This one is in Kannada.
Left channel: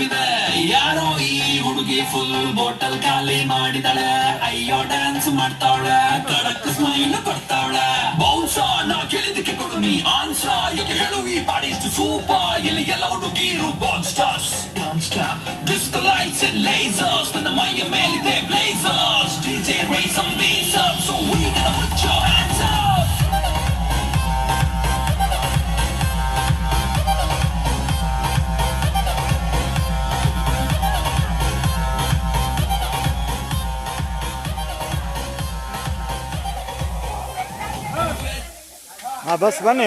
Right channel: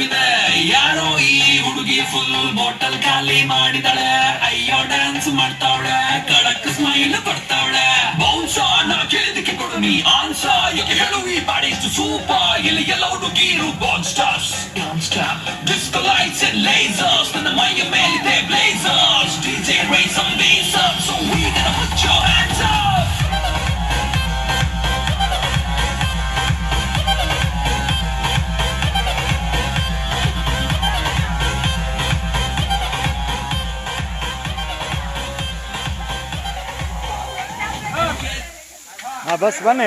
ತಪ್ಪಿದೆ. ಯಾರೋ ಈ ಹುಡುಗಿ ಫುಲ್ ಬಾಟಲ್ ಖಾಲಿ ಮಾಡಿದಾಳೆ. ಅಯ್ಯೋ ಡ್ಯಾನ್ಸ್ ಮಾಡ್ತಾವಳೆ, ಕಡಕ್ ಸ್ಮೈಲ್ ಕೊಡ್ತಾವಳೆ. ಬೌನ್ಸ ನಾ ಕೇಳಿದಕ್ಕೆ ಕೊಡು ನೀ ಆನ್ಸ. ಯಾಕೆ ಹೇಳು ಈ ಬಾಡಿ ಸೂಪರ್. ಇಲ್ಲಿ ಎಲ್ಲ ಹುಡುಗಿರು born stars. Disco lights and lasers. ನನ್ನ ಮೈಯ ಮೇಲಿದೆ blazers. DJ raise some bass up, so we gotta put your hands up. Bus ಬನ್ನಿ